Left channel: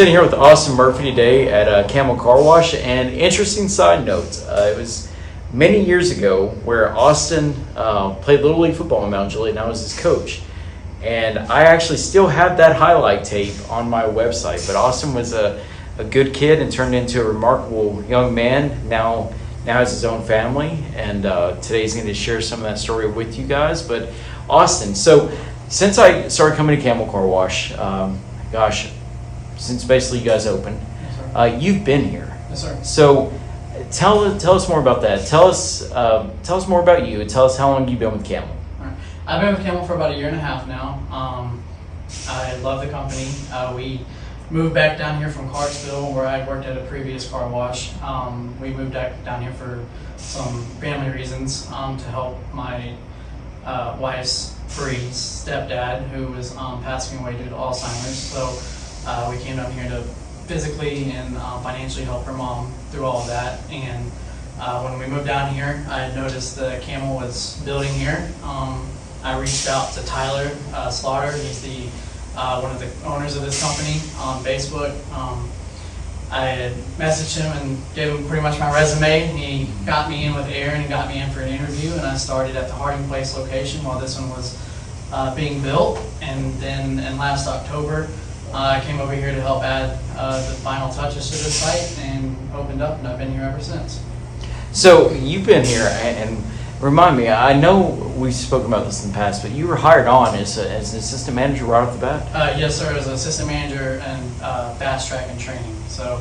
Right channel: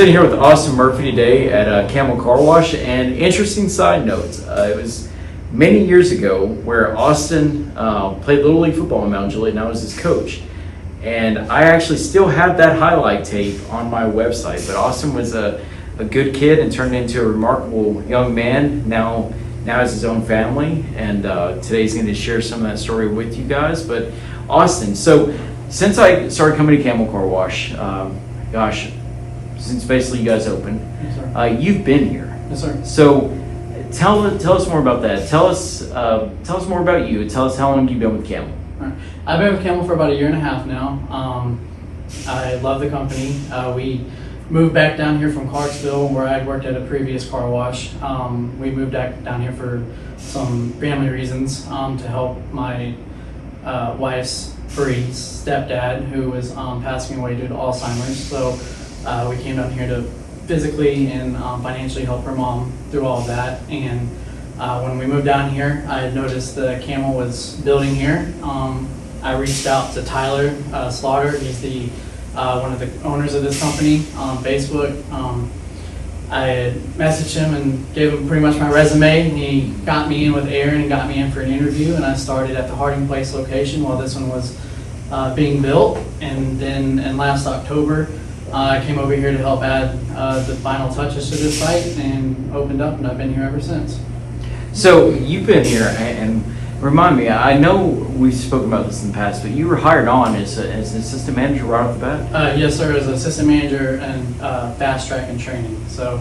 Sitting here with Austin Murphy today at Camel Car Wash, and interesting side note, it was many years ago where Austin played Little League football in Mount Juliet, and I was his coach. And I actually still have that highlight tape on my website, but Austin was a good kid and turned into a remarkable young man. Now has his own family, and today he's going to share some of that story with you guys. But Austin, so since I started coming to Camel Car Wash, since basically you guys opened, Yes, you've been here. Yes, sir. So tell us more about that. Tell us more about you. Tell us how long you've been with Camel. All right. I've been with Camel for about 1.5 years now. I love the company. We moved back down here from Clarksville, where I had worked at a previous car wash. We moved back down here for some family reasons, to help my wife's Bree's stepdad, who was passing away due to Alzheimer's. So we came down here to physically and financially help her mom through all of that. And when we moved down here, I had noticed that Camel was building here. I reached out to Tyler Slaughter. He's the one of the owners of this company on Facebook. I had messaged him and gave him pretty much my resume. He got me in with Aaron and got me in for an interview, and I started at the Harding Place location while this one was being built. And then in last October, I came over here to help add the final touches to this site and opened up, and I've been here ever since. So you've been here, and remind me, I know we've spoken about this in the past, but you were hired on as an assistant manager right off the bat? Yes, sir, as assistant manager and fast track and training. So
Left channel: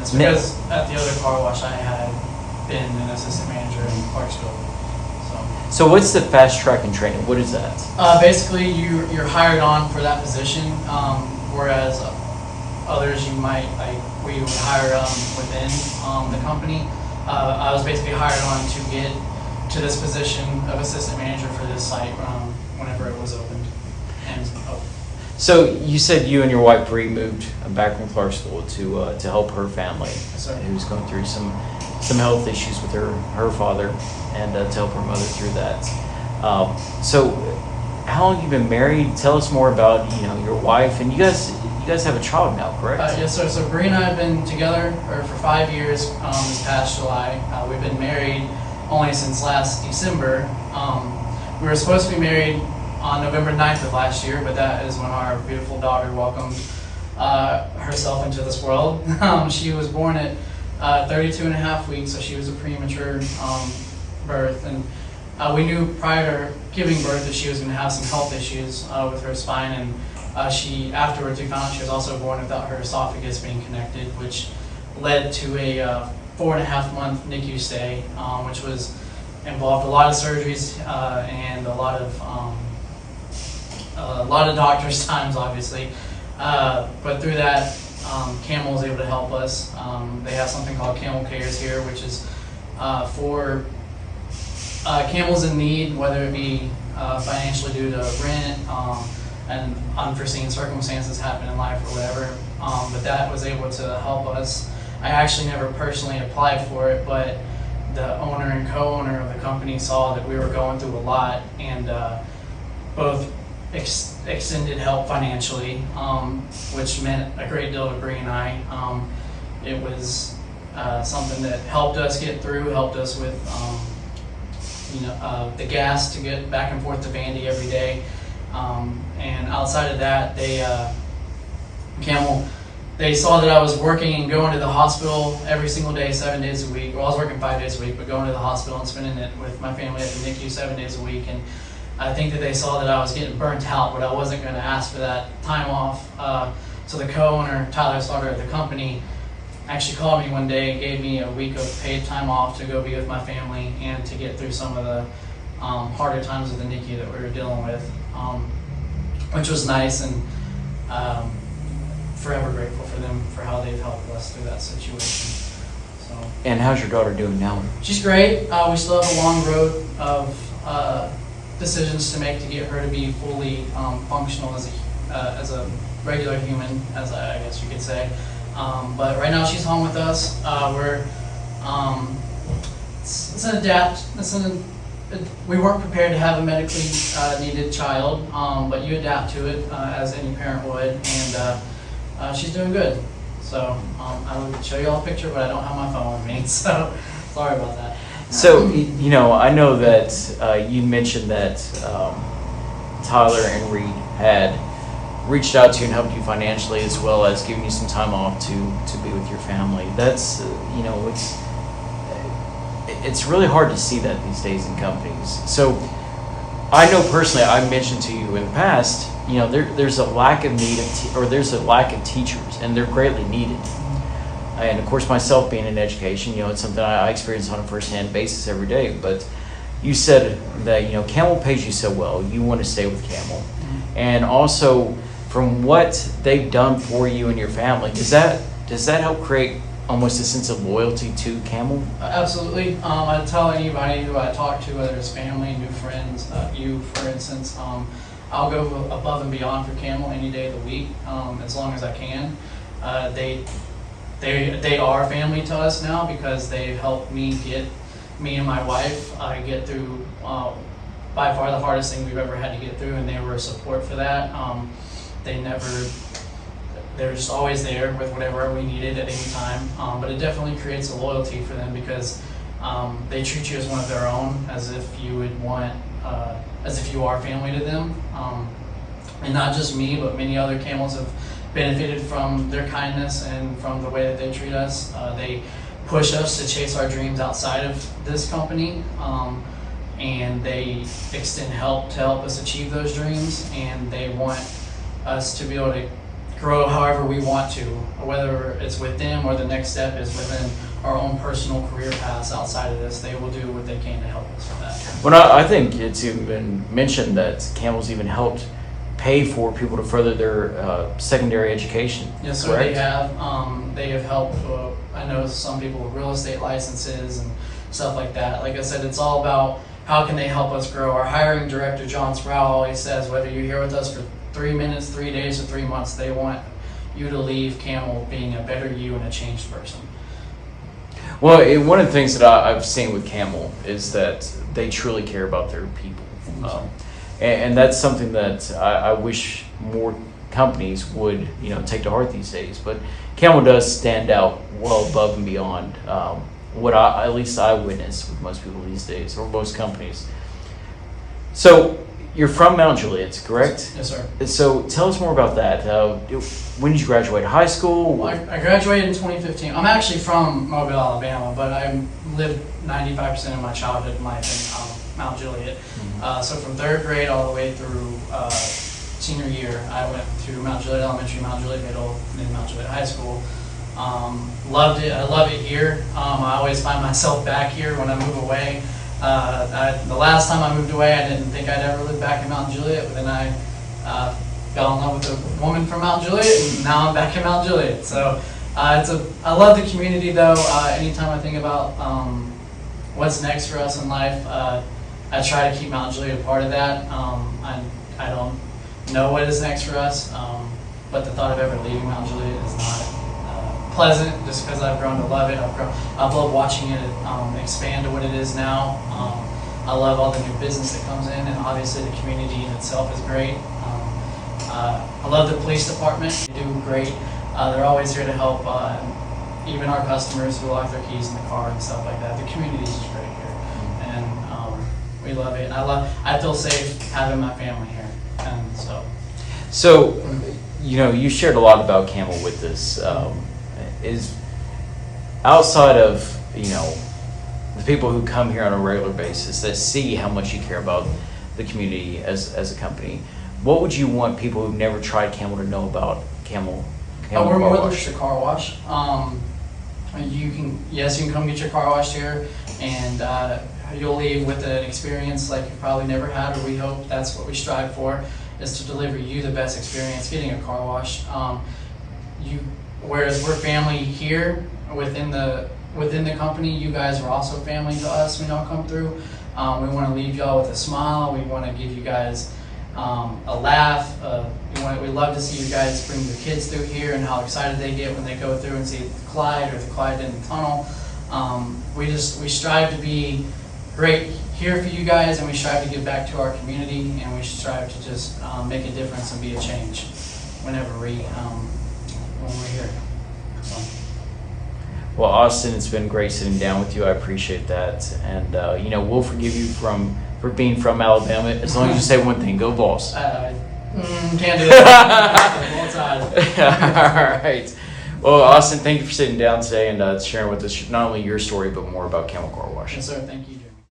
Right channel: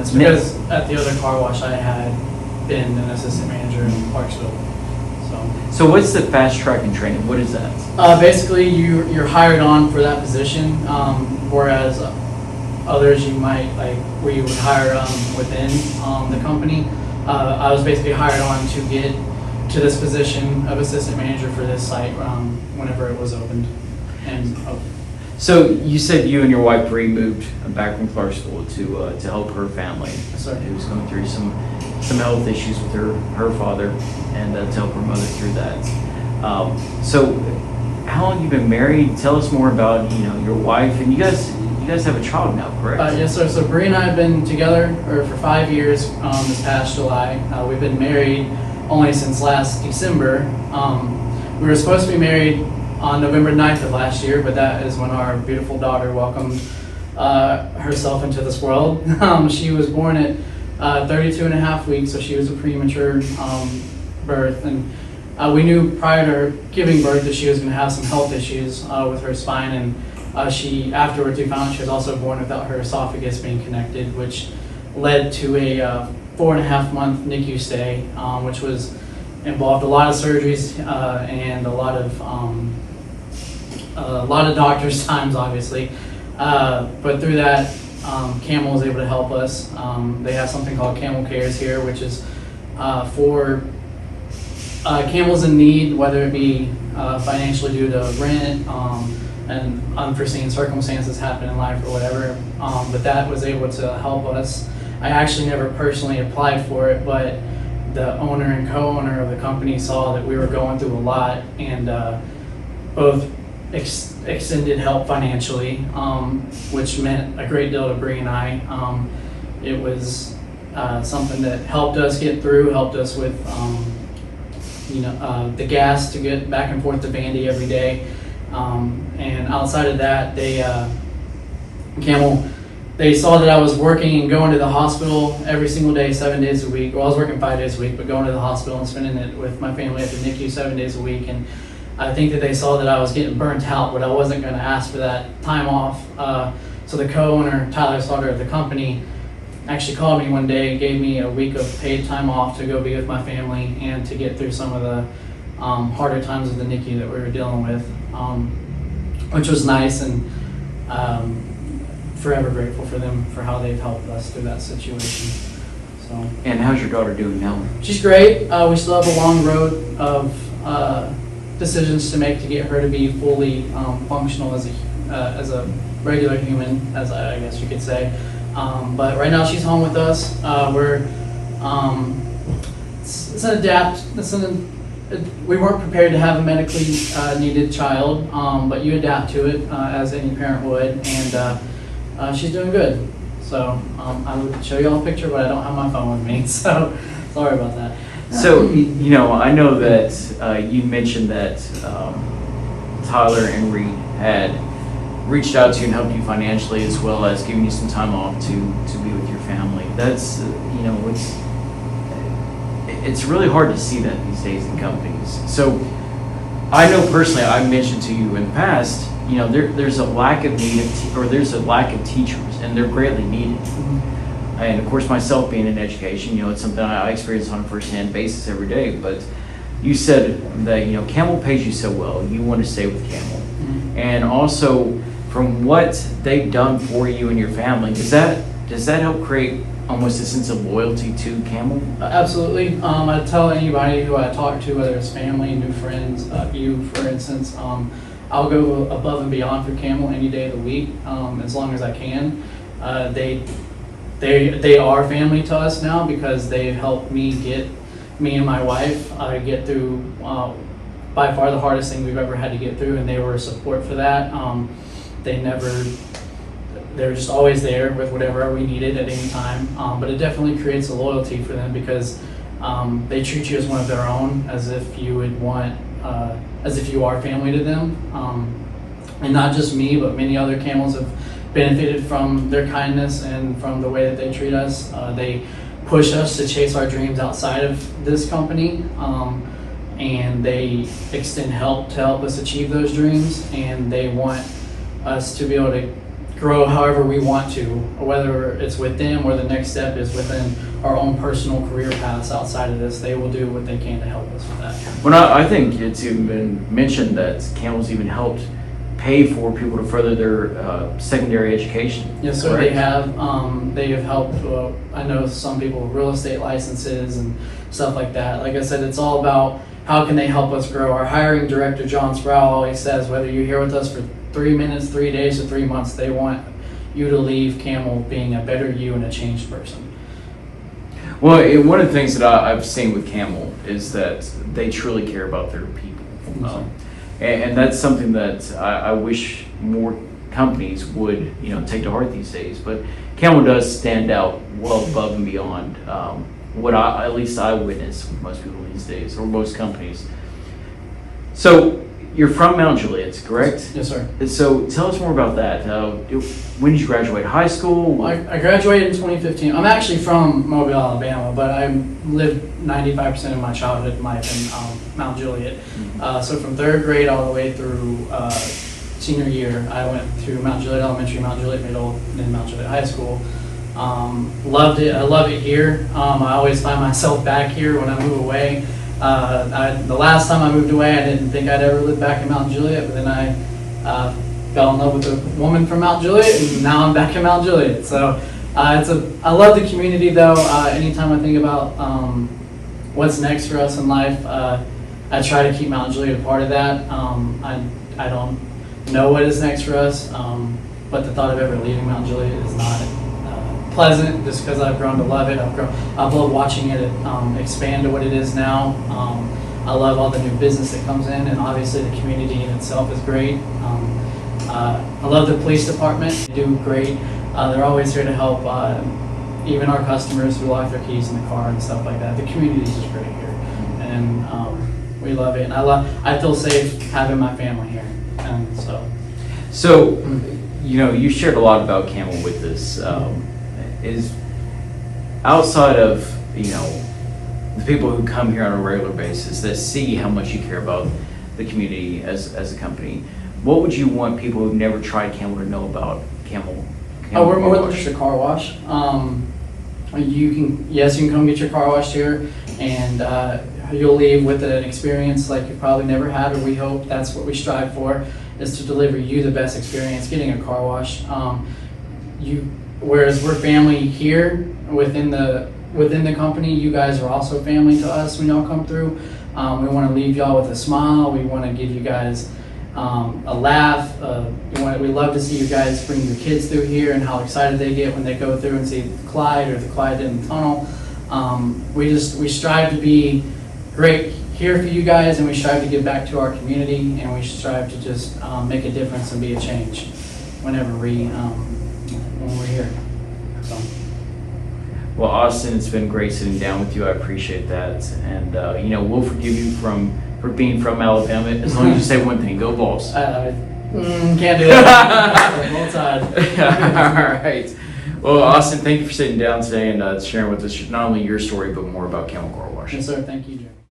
it's because at the other car wash I had been an assistant manager in Clarksville. So what's the fast track and training? What is that? Basically, you're hired on for that position, whereas others you might, like, we would hire within the company. I was basically hired on to get to this position of assistant manager for this site whenever it was opened. So you said you and your wife Bree moved back from Clarksville to help her family. Yes, sir. Who's going through some health issues with her father, and to help her mother through that. So how long have you been married? Tell us more about your wife, and you guys have a child now, correct? Yes, sir. So Bree and I have been together for 5 years. This past July, we've been married only since last December. We were supposed to be married on November 9th of last year, but that is when our beautiful daughter welcomed herself into this world. She was born at 32 and a half weeks, so she was a premature birth. And we knew prior to her giving birth that she was going to have some health issues with her spine. And afterwards we found she was also born without her esophagus being connected, which led to a 4.5-month NICU stay, which involved a lot of surgeries and a lot of doctor's times, obviously. But through that, Camel was able to help us. They have something called Camel Cares here, which is for camels in need, whether it be financially due to rent and unforeseen circumstances happen in life or whatever. But that was able to help us. I actually never personally applied for it, but the owner and co-owner of the company saw that we were going through a lot, and both extended help financially, which meant a great deal to Bree and I. It was something that helped us get through, helped us with the gas to get back and forth to Vandy every day. And outside of that, they saw that I was working and going to the hospital every single day, 7 days a week. Well, I was working 5 days a week, but going to the hospital and spending it with my family at the NICU 7 days a week. And I think that they saw that I was getting burnt out, but I wasn't going to ask for that time off. So the co-owner, Tyler Slaughter of the company, actually called me one day and gave me a week of paid time off to go be with my family and to get through some of the harder times of the NICU that we were dealing with, which was nice, and forever grateful for them for how they've helped us through that situation. So. And how's your daughter doing now? She's great. We still have a long road of decisions to make to get her to be fully functional as a regular human, as I guess you could say. But right now she's home with us. We weren't prepared to have a medically needed child, but you adapt to it as any parent would. And She's doing good. So I would show you all a picture, but I don't have my phone with me, so sorry about that. So, I know that you mentioned that Tyler and Reed had reached out to you and helped you financially, as well as giving you some time off to be with your family. That's, it's really hard to see that these days in companies. So I know personally, I mentioned to you in the past, there's a lack of need there's a lack of teachers, and they're greatly needed. And of course, myself being in education, it's something I experience on a first-hand basis every day. But you said that Camel pays you so well, you want to stay with Camel, and also from what they've done for you and your family, does that help create almost a sense of loyalty to Camel? Absolutely. I tell anybody who I talk to, whether it's family, new friends, you for instance, I'll go above and beyond for Camel any day of the week, as long as I can. They are family to us now because they helped me and my wife get through by far the hardest thing we've ever had to get through, and they were a support for that. They're just always there with whatever we needed at any time. But it definitely creates a loyalty for them because they treat you as one of their own, as if you are family to them. And not just me, but many other Camels have benefited from their kindness and from the way that they treat us. They push us to chase our dreams outside of this company, and they extend help to help us achieve those dreams, and they want us to be able to grow however we want to, whether it's with them or the next step is within our own personal career paths outside of this. They will do what they can to help us with that. Well, I think it's even been mentioned that Camel's even helped pay for people to further their secondary education. Yes, sir. Right? They have. They have helped. I know some people with real estate licenses and stuff like that. Like I said, it's all about how can they help us grow. Our hiring director, John Sproul, always says, whether you're here with us for 3 minutes, 3 days, or 3 months, they want you to leave Camel being a better you and a changed person. Well, one of the things that I've seen with Camel is that they truly care about their people. And that's something that I wish more companies would, take to heart these days. But Camel does stand out well above and beyond what at least I witness with most people these days, or most companies. So you're from Mount Juliet, correct? Yes, sir. So tell us more about that. When did you graduate high school? I graduated in 2015. I'm actually from Mobile, Alabama, but I lived 95% of my childhood life in Mount Juliet. So from 3rd grade all the way through senior year, I went to Mount Juliet Elementary, Mount Juliet Middle, and then Mount Juliet High School. Loved it. I love it here. I always find myself back here when I move away. The last time I moved away, I didn't think I'd ever live back in Mount Juliet, but then I fell in love with a woman from Mount Juliet, and now I'm back in Mount Juliet. So I love the community, though. Anytime I think about what's next for us in life, I try to keep Mount Juliet a part of that. I don't know what is next for us, but the thought of ever leaving Mount Juliet is not pleasant, just because I've grown to love it. I've loved watching it expand to what it is now. I love all the new business that comes in, and obviously the community in itself is great. I love the police department. They do great. They're always here to help even our customers who lock their keys in the car and stuff like that. The community is just great here, and we love it. And I feel safe having my family here, and so. You shared a lot about Camel with this. Is outside of the people who come here on a regular basis that see how much you care about the community as a company, what would you want people who've never tried Camel to know about Camel? We're more than just a car wash. You can come get your car washed here, and you'll leave with an experience like you probably never had, or we hope that's what we strive for, is to deliver you the best experience getting a car wash. Whereas we're family here within the company, you guys are also family to us when y'all come through. We want to leave y'all with a smile. We want to give you guys a laugh. We love to see you guys bring your kids through here and how excited they get when they go through and see Clyde or the Clyde in the tunnel. We strive to be great here for you guys, and we strive to give back to our community, and we strive to just make a difference and be a change whenever we when we're here. So, Well, Austin, it's been great sitting down with you. I appreciate that, and we'll forgive you for being from Alabama as long as you say one thing: "Go Vols." Can't do that. Both sides. All right. Well, Austin, thank you for sitting down today and sharing with us not only your story but more about Camel Car Wash. Yes, sir. Thank you, Jim.